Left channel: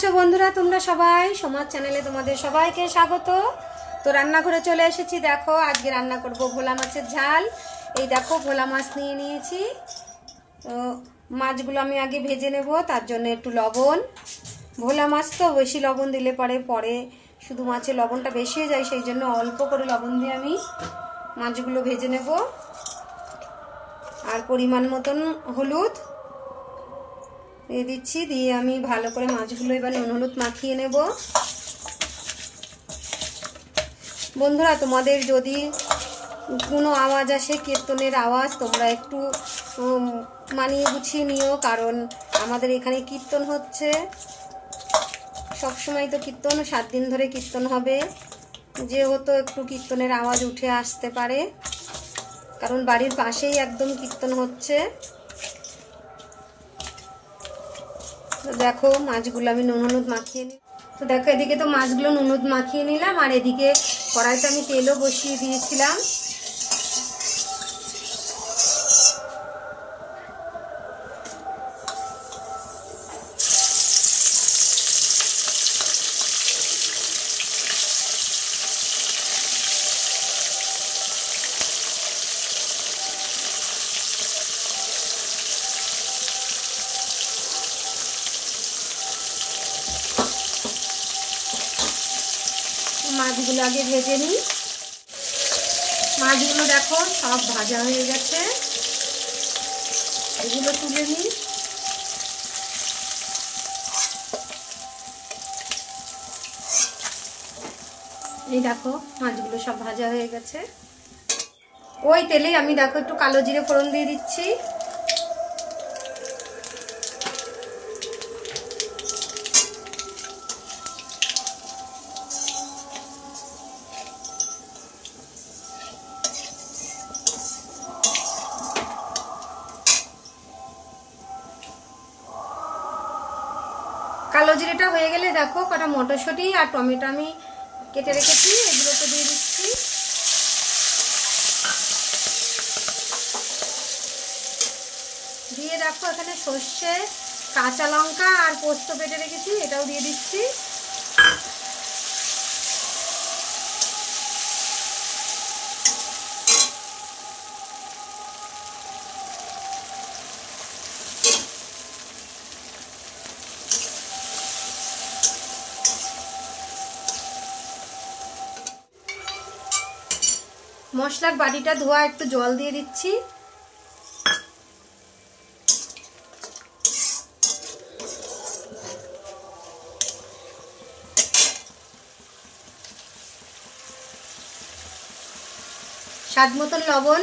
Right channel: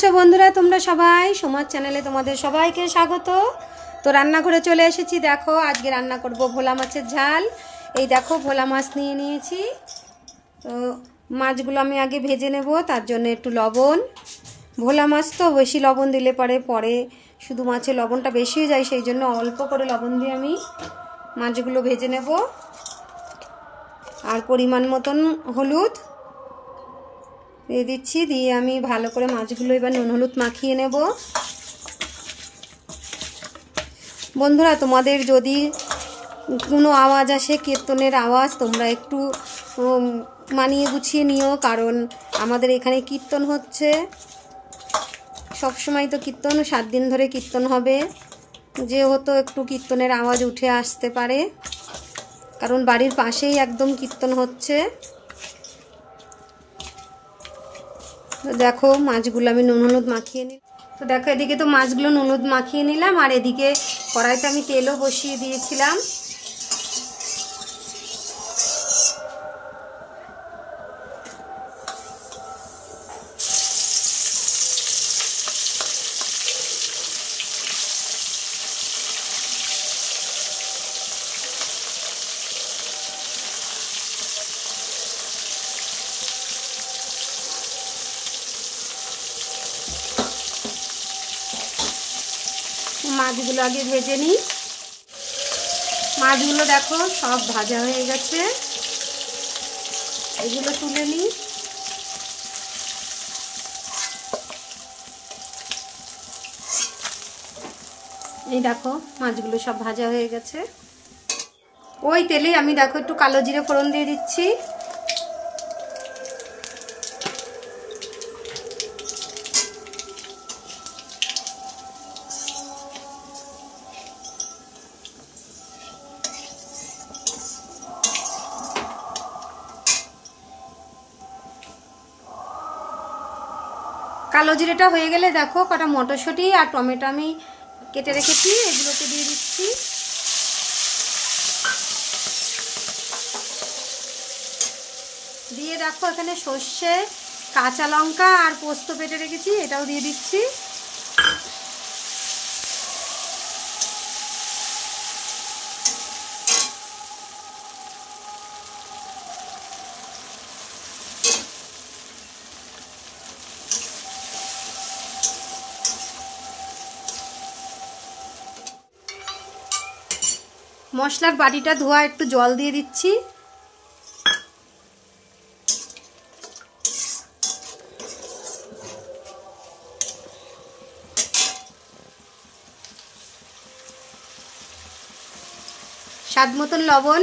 আছো বন্ধুরা? তোমরা সবাই সমাজ চ্যানেলে তোমাদের সবাইকে স্বাগত। তো রান্নাঘরে চলে এসেছি। দেখো আজকে রান্না করব ভোলা মাছের ঝাল। এই দেখো ভোলা মাছ নিয়ে নিয়েছি। তো মাছগুলো আমি আগে ভেজে নেব, তার জন্য একটু লবণ, ভোলা মাছ তো বেশি লবণ দিলে পরে শুধু মাছে লবণটা বেশি হয়ে যায়, সেই জন্য অল্প করে লবণ দিয়ে আমি মাছগুলো ভেজে নেব। আর পরিমাণ মতন হলুদ দিয়ে দিচ্ছি, দিয়ে আমি ভালো করে মাছগুলো এবার নুন হলুদ মাখিয়ে নেব। বন্ধুরা, তোমাদের যদি কোনো আওয়াজ আসে, কীর্তনের আওয়াজ, তোমরা একটু মানিয়ে গুছিয়ে নিও, কারণ আমাদের এখানে কীর্তন হচ্ছে। সবসময় তো কীর্তন, 7 দিন ধরে কীর্তন হবে, যেহেতু একটু কীর্তনের আওয়াজ উঠে আসতে পারে, কারণ বাড়ির পাশেই একদম কীর্তন হচ্ছে। তো দেখো মাছগুলো আমি নুন হলুদ মাখিয়ে নিই। তো দেখো এদিকে তো মাছগুলো নুন হলুদ মাখিয়ে নিলাম, আর এদিকে কড়াইতে আমি তেলও বসিয়ে দিয়েছিলাম। মাছগুলো আগে ভেজে নিই। মাছগুলো দেখো সব ভাজা হয়ে গেছে, এগুলো তুলে নিই। এই দেখো মাছগুলো সব ভাজা হয়ে গেছে। ওই তেলে আমি দেখো একটু কালো জিরে ফোড়ন দিয়ে দিচ্ছি। কালো জিরেটা হয়ে গেলে দেখো কটা মটরশুঁটি আর টমেটো আমি কেটে রেখেছি, এগুলোকে দিয়ে দিচ্ছি। দিয়ে দেখো এখানে সর্ষে, কাঁচা লঙ্কা আর পোস্ত কেটে রেখেছি, এটাও দিয়ে দিচ্ছি। মশলার বাটিটা ধোয়া, একটু জল দিয়ে দিচ্ছি। স্বাদ মতন লবণ,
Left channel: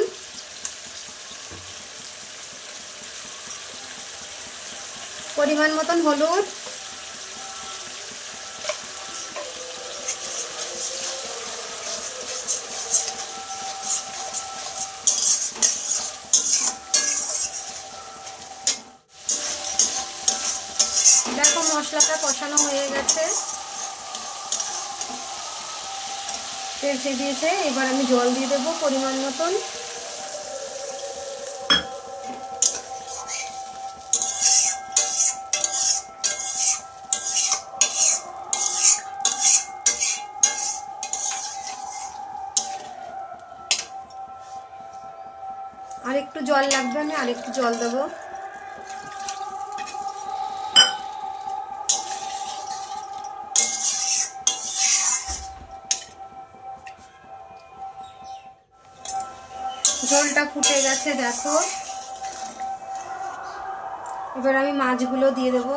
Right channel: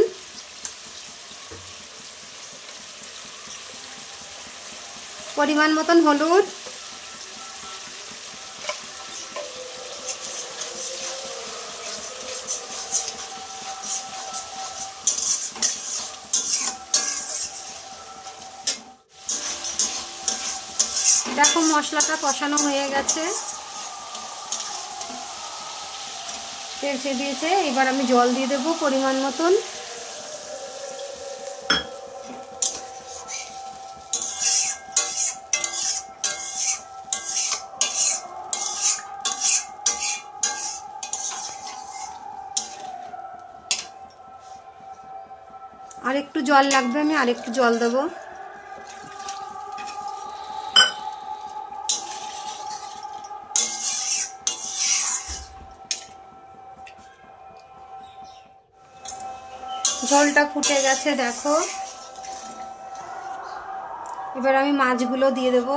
পরিমাণ মতন হলুদ, দেখো মশলাটা কষানো হয়ে গেছে, তেল ছেড়ে দিয়েছে। এবার আমি জল দিয়ে দেবো পরিমাণ মতন। আর একটু জল লাগবে, আমি আর একটু জল দেবো। ঝোলটা ফুটে গেছে দেখো। এবার আমি মাছগুলো দিয়ে দেবো।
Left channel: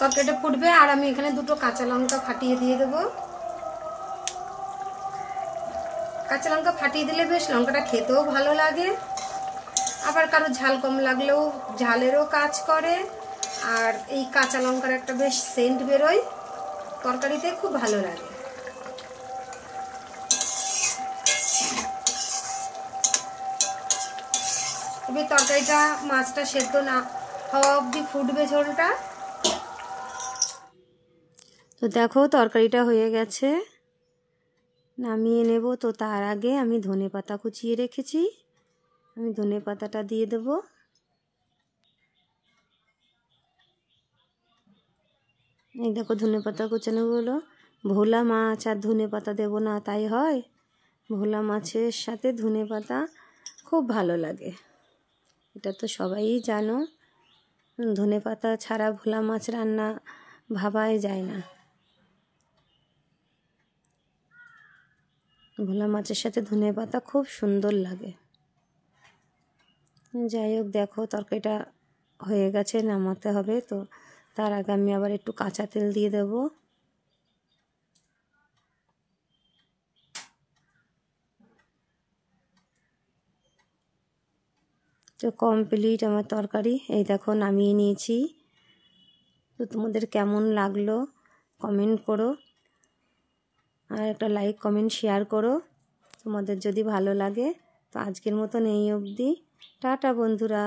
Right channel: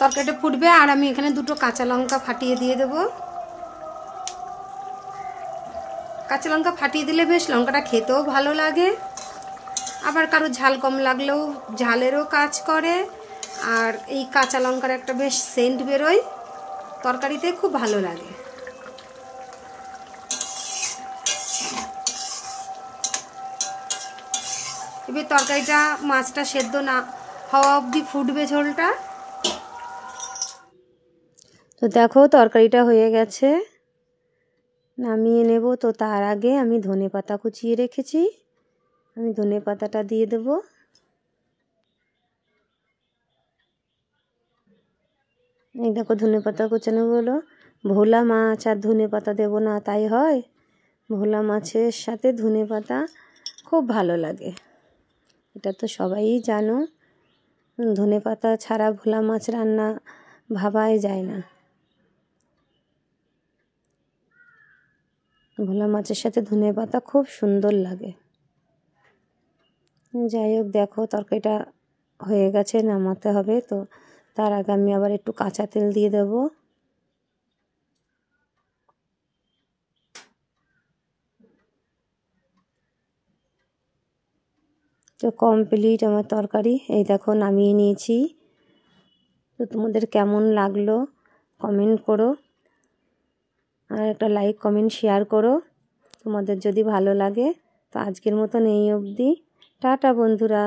তরকারিটা ফুটবে, আর আমি এখানে দুটো কাঁচা লঙ্কা ফাটিয়ে দিয়ে দেব। কাঁচা লঙ্কা ফাটিয়ে দিলে বেশ লঙ্কাটা খেতেও ভালো লাগে, আবার কারো ঝাল কম লাগলেও ঝালেরও কাজ করে। আর এই কাঁচা লঙ্কার একটা বেশ সেন্ট বেরোয়, তরকারিতে খুব ভালো লাগে। ফুটবে তরকারিটা, মাছটা সেদ্ধ না হওয়া অবধি ফুটবে ঝোলটা। তো দেখো তরকারিটা হয়ে গেছে, নামিয়ে নেব। তো তার আগে আমি ধনেপাতা কুচিয়ে রেখেছি, আমি ধনেপাতাটা দিয়ে দেব। এই দেখো ধনেপাতা কুচানো হলো। ভোলা মাছ আর ধনেপাতা দেবো না তাই হয়? ভোলা মাছের সাথে ধনেপাতা খুব ভালো লাগে, এটা তো সবাই জানো। ধনেপাতা ছাড়া ভোলা মাছ রান্না ভাবাই যায় না। ভোলা মাছের সাথে ধনেপাতা খুব সুন্দর লাগে। যাই হোক, দেখো তরকারিটা হয়ে গেছে, নামাতে হবে। তো তার আগে আমি আবার একটু কাঁচা তেল দিয়ে দেব। তো কমপ্লিট আমার তরকারি, এই দেখো নামিয়ে নিয়েছি। তো তোমাদের কেমন লাগলো কমেন্ট করো, আর একটা লাইক কমেন্ট শেয়ার করো তোমাদের যদি ভালো লাগে। তো আজকের মতন এই অবধি, টাটা বন্ধুরা।